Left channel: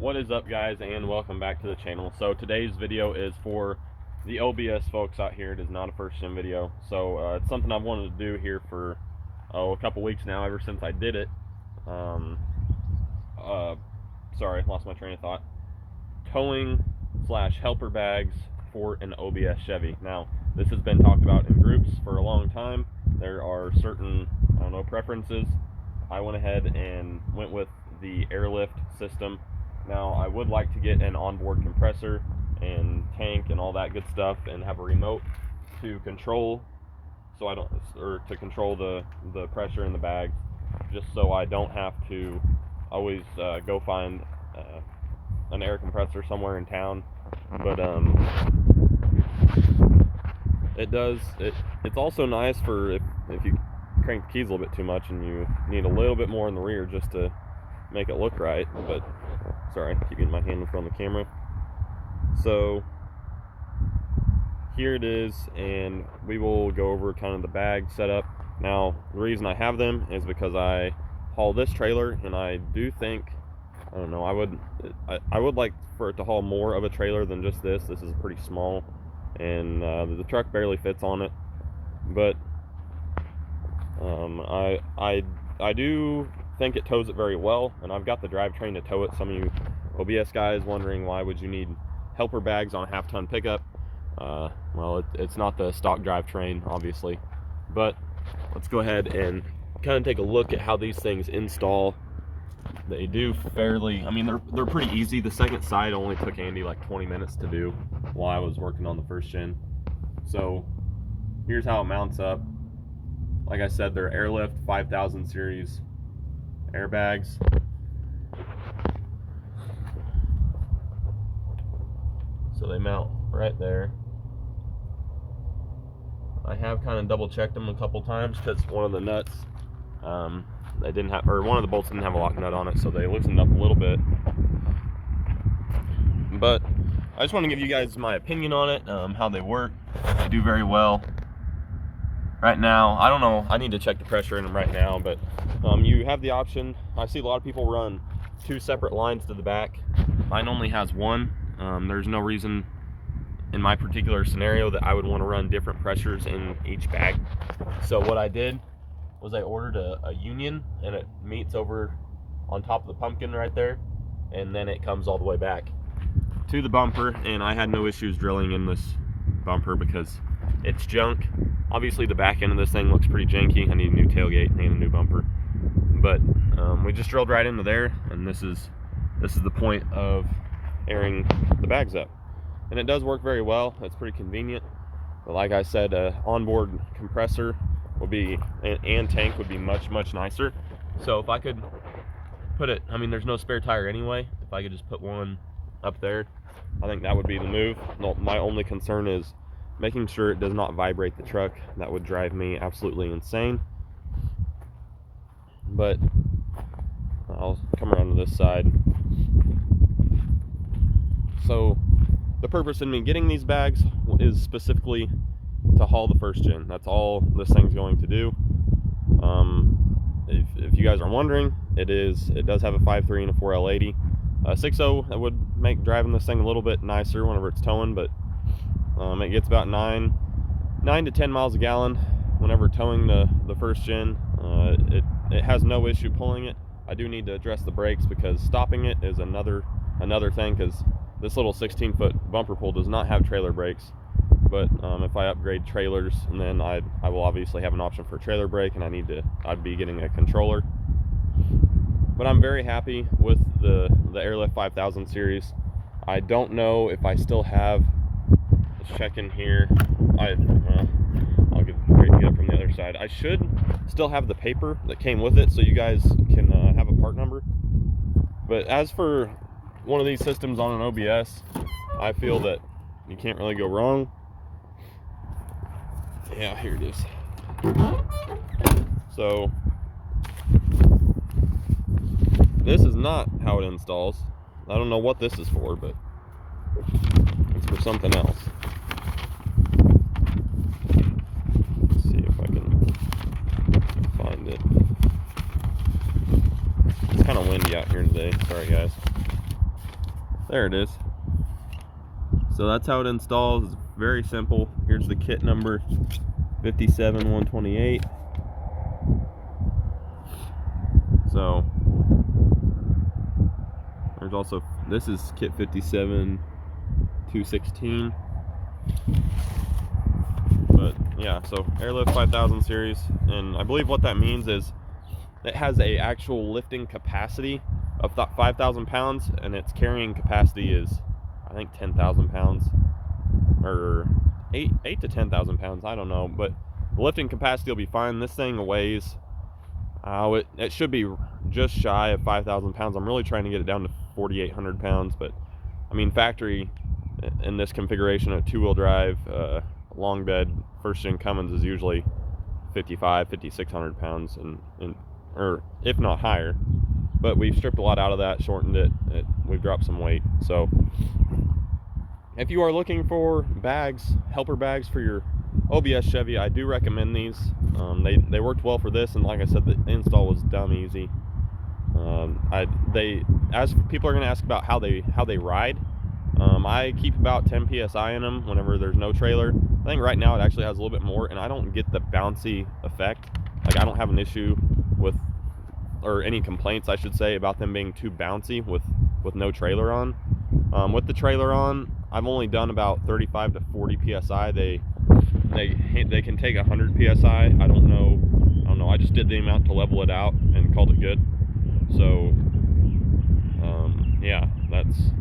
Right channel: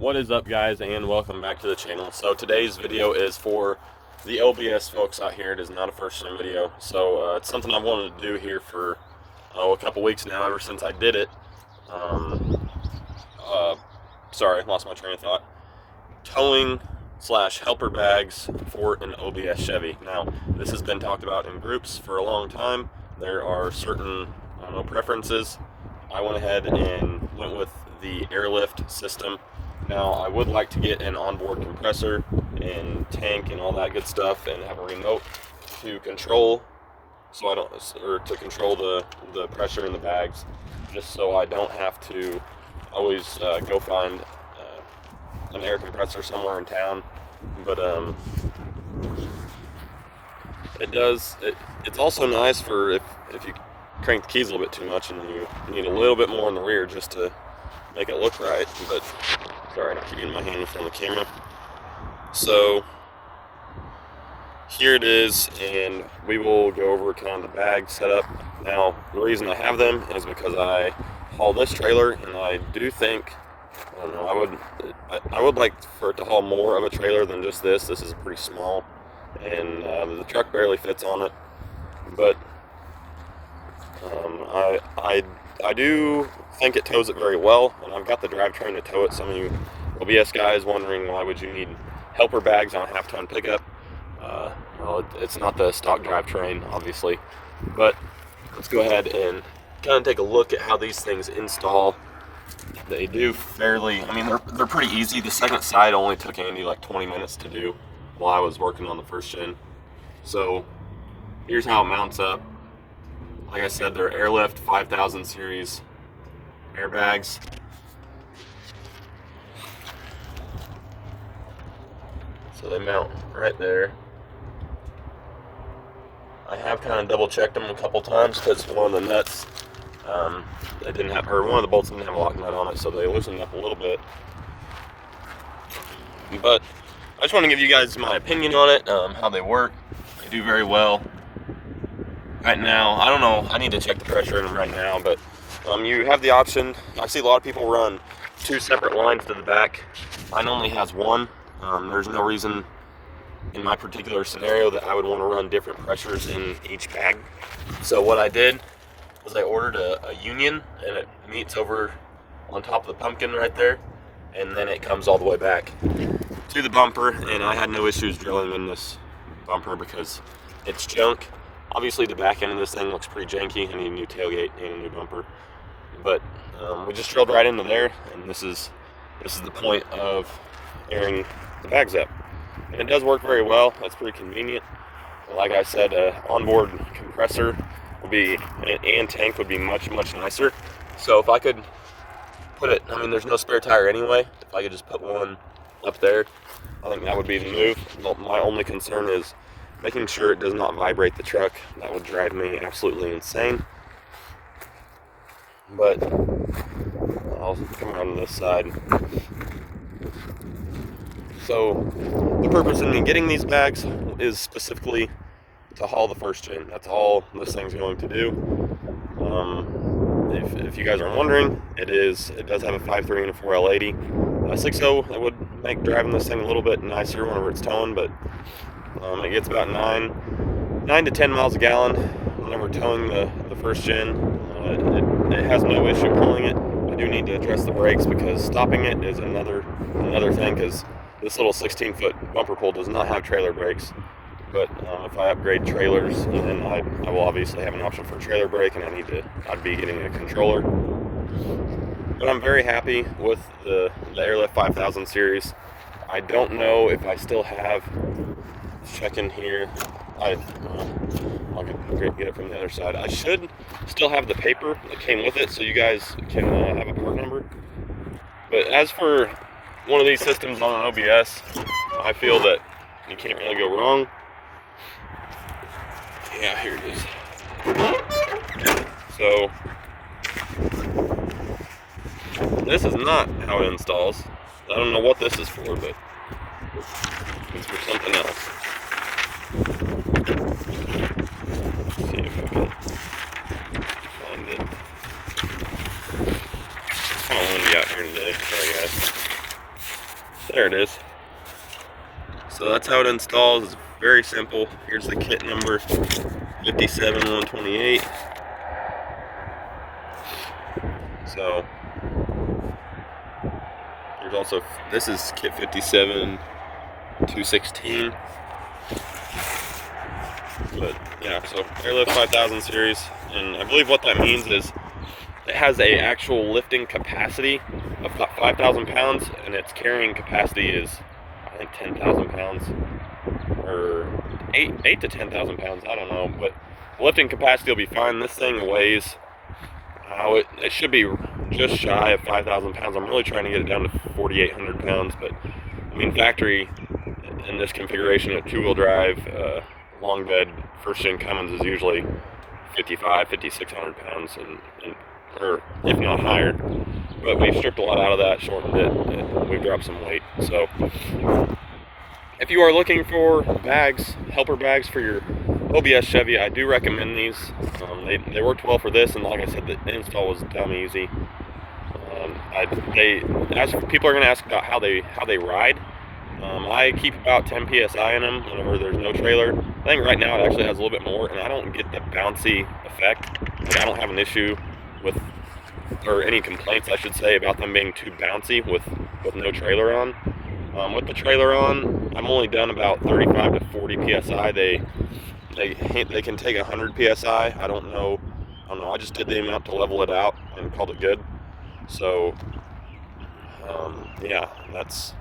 What is up, guys, and welcome back to the channel. So today's video is for the OBS folks out here. It is not a first time video, so it's something I've wanted to do here for a couple weeks now, ever since I did it. Sorry, lost my train of thought. Towing / helper bags for an OBS Chevy. Now, this has been talked about in groups for a long time. There are certain, preferences. I went ahead and went with the Airlift system. Now, I would like to get an onboard compressor and tank and all that good stuff, and have a remote to control, to control the pressure in the bags, just so I don't have to always go find an air compressor somewhere in town. But it's also nice for if you crank the keys a little bit too much and you need a little bit more in the rear just to make it look right. But sorry, I keep getting my hand in front of the camera. So here it is, and we will go over kind of the bag setup. Now, the reason I have them is because I haul this trailer, and I do think, I don't know, I would like for it to haul more of a trailer than just this. This is pretty small, and the truck barely fits on it. But I do think it tows it very well, and I've got the drivetrain to tow it. Some of you OBS guys wondering, why would you need helper bags on a half-ton pickup? Well, it's not the stock drivetrain, obviously, but let's go ahead and kind of take a look at how these things install. They do fairly, I mean, they're pretty easy. The second side only took Andy like 20 minutes to do while I was working on the first gen. So here's how it mounts up. Like I said, they're Airlift 5000 series airbags. So they mount right there. I have kind of double checked them a couple times because one of the nuts, they didn't have, or one of the bolts didn't have a lock nut on it, so they loosened up a little bit. But I just want to give you guys my opinion on it, how they work. They do very well. Right now, I don't know, I need to check the pressure in them right now, but you have the option. I see a lot of people run 2 separate lines to the back. Mine only has one. There's no reason in my particular scenario that I would want to run different pressures in each bag. So what I did was I ordered a union, and it meets over on top of the pumpkin right there, and then it comes all the way back to the bumper. And I had no issues drilling in this bumper because it's junk. Obviously the back end of this thing looks pretty janky. I need a new tailgate and a new bumper, but we just drilled right into there, and this is the point of airing the bags up, and it does work very well. That's pretty convenient. But like I said, onboard compressor would be, and tank would be much nicer. So if I could put it, I mean, there's no spare tire anyway. If I could just put one up there, I think that would be the move. My only concern is making sure it does not vibrate the truck. That would drive me absolutely insane. But I'll come around to this side. So the purpose of me getting these bags is specifically to haul the first gen. That's all this thing's going to do. If you guys are wondering, it does have a 5.3 and a 4L80. 6.0, that would make driving this thing a little bit nicer whenever it's towing, but it gets about 9 to 10 miles a gallon whenever towing the first gen. It has no issue pulling it. I do need to address the brakes because stopping it is another thing, because this little 16-foot bumper pull does not have trailer brakes. But if I upgrade trailers, then I will obviously have an option for a trailer brake, and I'd be getting a controller. But I'm very happy with the Airlift 5000 series. I don't know if I still have, check in here, I'll get it from the other side. I should still have the paper that came with it, so you guys can have a part number. But as for one of these systems on an OBS, I feel that you can't really go wrong. Yeah, here it is. So this is not how it installs. I don't know what this is for, but it's for something else. Let's see if I can find it. It's kind of windy out here today. Sorry, guys. There it is. So that's how it installs. It's very simple. Here's the kit number 57128. So there's also, this is kit 57216. But yeah, so Airlift 5000 series, and I believe what that means is it has a actual lifting capacity of 5,000 pounds, and its carrying capacity is, I think, 10,000 pounds, or 8 to 10,000 pounds, I don't know, but the lifting capacity will be fine. This thing weighs, it should be just shy of 5,000 pounds. I'm really trying to get it down to 4,800 pounds, but I mean, factory in this configuration of two-wheel drive, long bed, first gen Cummins is usually 5,600 pounds, or if not higher. But we've stripped a lot out of that, shortened it, and we've dropped some weight. So if you are looking for bags, helper bags for your OBS Chevy, I do recommend these. They worked well for this, and like I said, the install was dumb easy. As people are going to ask about how they ride, I keep about 10 psi in them whenever there's no trailer. I think right now it actually has a little bit more, and I don't get the bouncy effect. Like, I don't have an issue with, or any complaints I should say, about them being too bouncy with no trailer on. With the trailer on, I've only done about 35 to 40 psi. They can take 100 psi. I don't know. I just did the amount to level it out and called it good. So yeah, that's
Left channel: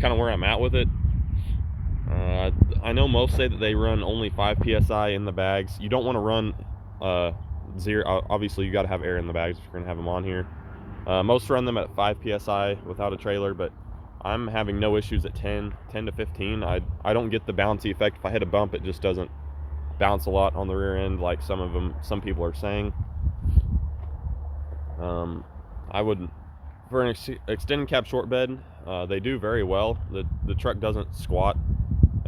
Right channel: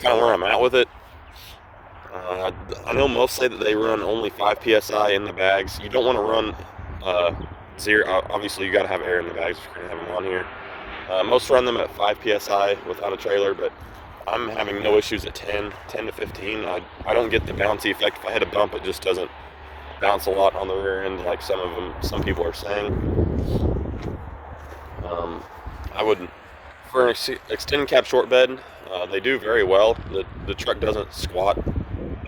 kind of where I'm at with it. I know most say that they run only 5 psi in the bags. You don't want to run zero. Obviously, you got to have air in the bags if you're going to have them on here. Most run them at 5 psi without a trailer, but I'm having no issues at 10 to 15. I don't get the bouncy effect. If I hit a bump, it just doesn't bounce a lot on the rear end like some people are saying. I would, for an extended cab short bed, they do very well. The truck doesn't squat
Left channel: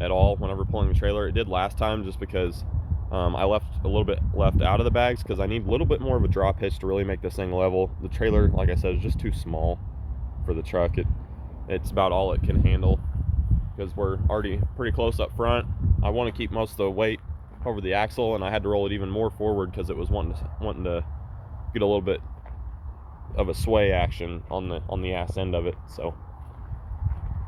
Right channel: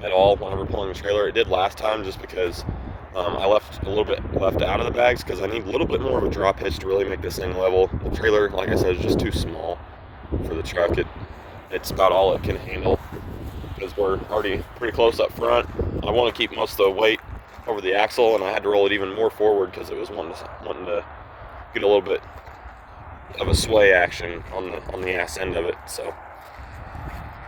at all whenever pulling the trailer. It did last time just because I left a little bit left out of the bags because I need a little bit more of a drop hitch to really make this thing level. The trailer, like I said, is just too small for the truck. It's about all it can handle because we're already pretty close up front. I want to keep most of the weight over the axle, and I had to roll it even more forward because it was wanting to get a little bit of a sway action on the ass end of it. So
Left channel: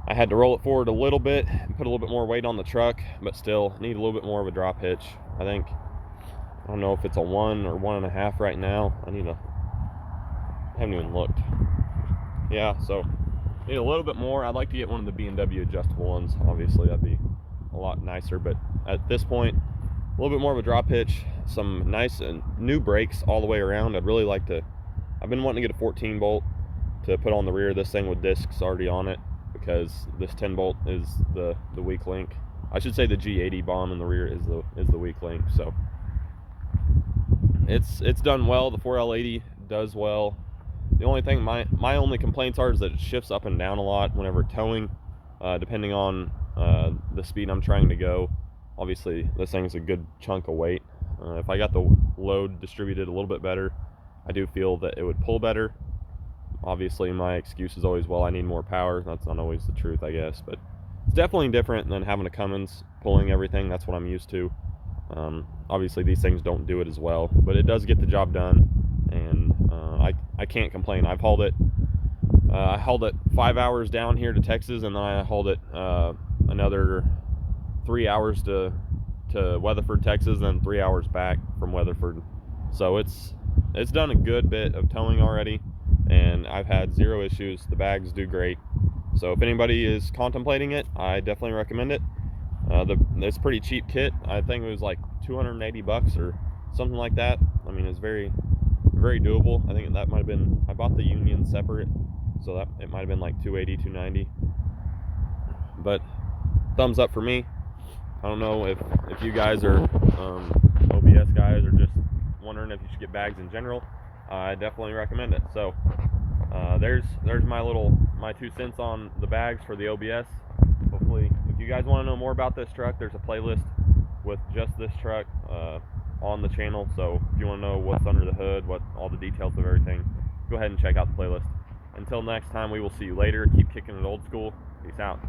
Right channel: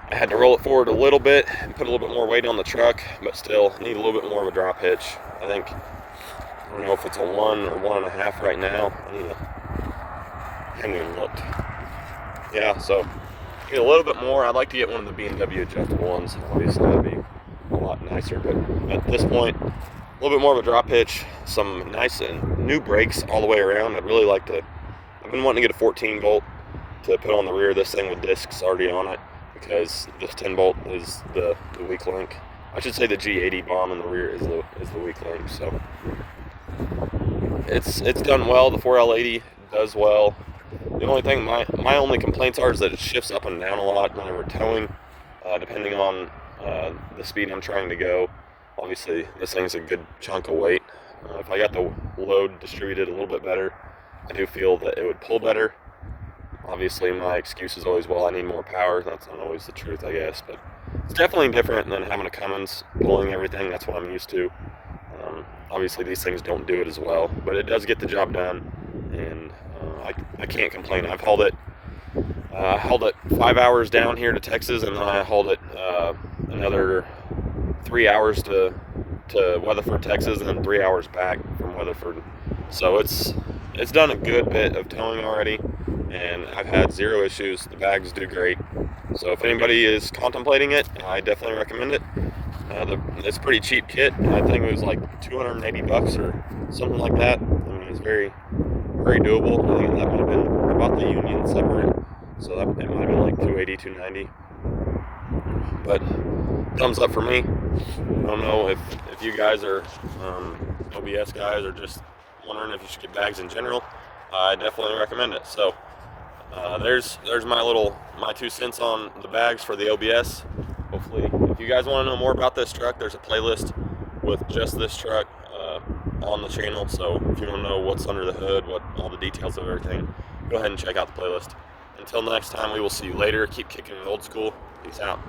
I had to roll it forward a little bit and put a little bit more weight on the truck, but still need a little bit more of a drop hitch. I don't know if it's a 1 or 1.5 right now. I haven't even looked. Yeah, so need a little bit more. I'd like to get one of the B&W adjustable ones. Obviously, that'd be a lot nicer, but at this point, a little bit more of a drop hitch, some nice and new brakes all the way around. I've been wanting to get a 14 bolt to put on the rear of this thing with discs already on it, because this 10 bolt is the weak link. I should say the G80 bomb in the rear is the weak link. So it's done well. The 4L80 does well. The only thing, my only complaints are is that it shifts up and down a lot whenever towing, depending on the speed I'm trying to go. Obviously, this thing's a good chunk of weight. If I got the load distributed a little bit better, I do feel that it would pull better. Obviously, my excuse is always, well, I need more power. That's not always the truth, I guess, but it's definitely different than having a Cummins pulling everything. That's what I'm used to. Obviously, these things don't do it as well, but it does get the job done, and I can't complain. I've hauled it 5 hours down here to Texas, and then I hauled it another 3 hours to Weatherford, Texas, and then 3 hours back from Weatherford. So it's done a good bit of towing already, and I've had zero issues. The bags do great. So if anybody is contemplating it, I definitely recommend it. It's a pretty cheap kit. I think it was like $280 or something like that. I mean, it's very, very doable. I think that might have been, I bought the Union separate, so it might have been like $280, $290. But thumbs up for me. I don't know if you guys are OBS guys or just wondering if you should get bags in general. I definitely recommend it. So there's my 2 cents on the bags for the OBS. Hopefully, if you guys want to know more about this truck, there's a playlist with just this truck on the channel. So if you want to know what's under the hood, what all the details of everything, go ahead and check out the playlist. Until next time, we will see you later. Keep kicking it old school. Peace out.